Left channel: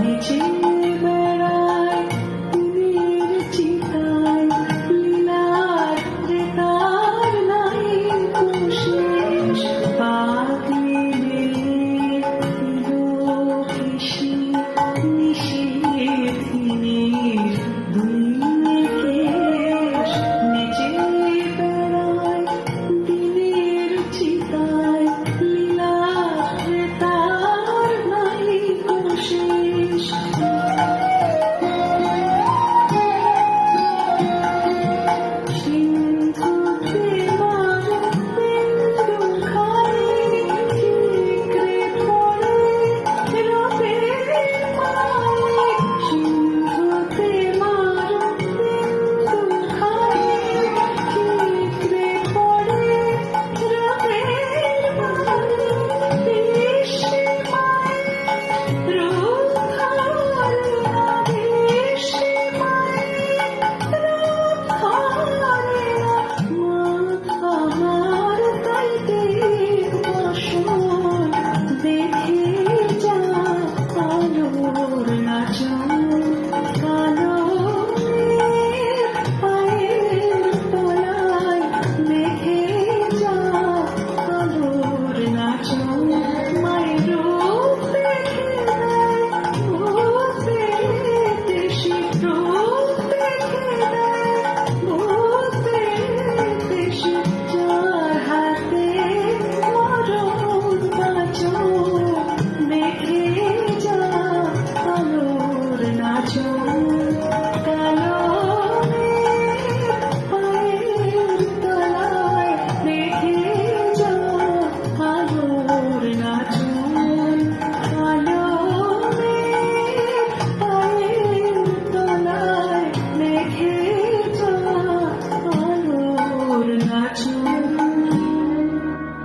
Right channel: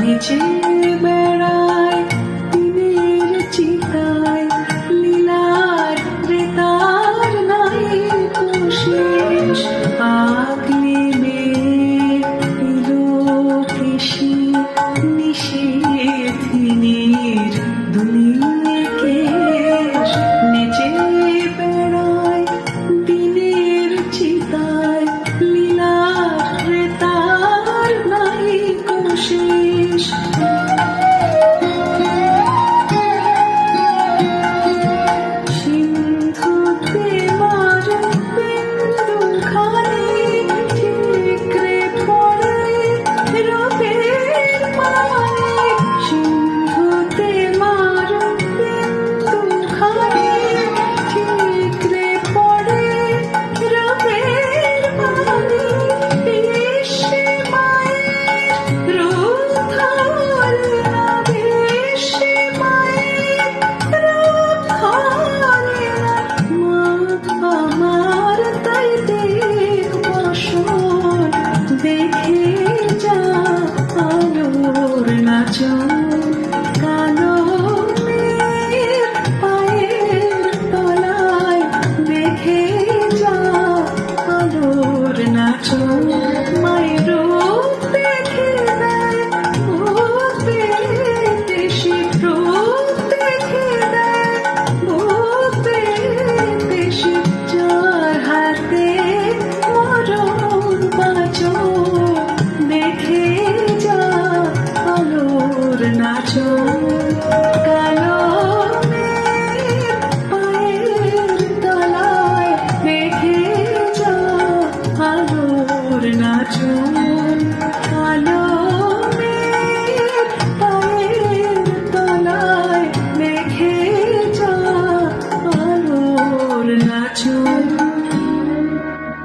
নিচে বেড়ায় দিনের চিতায় লীলার রেতার নাই কোশেষ পাগলি মেয়ে এলো কেশি নিষেধিনীর দুলিয়ে কেশ নিচে বেড়ায় দিনের চিতায় লীলার রেতার নাই কোশেষ সিন্ধুতে মার বিন্দু খানি ঠিকরে পড়ে রবের মায়ে সিন্ধুতে মার বিন্দু খানি ঠিকরে পড়ে রবের মায়ে এসে মায়ের রূপ ধরে এসে মায়ের রূপ ধরে আমার তাই দেখ বসর দেখে যা আলোর নাচন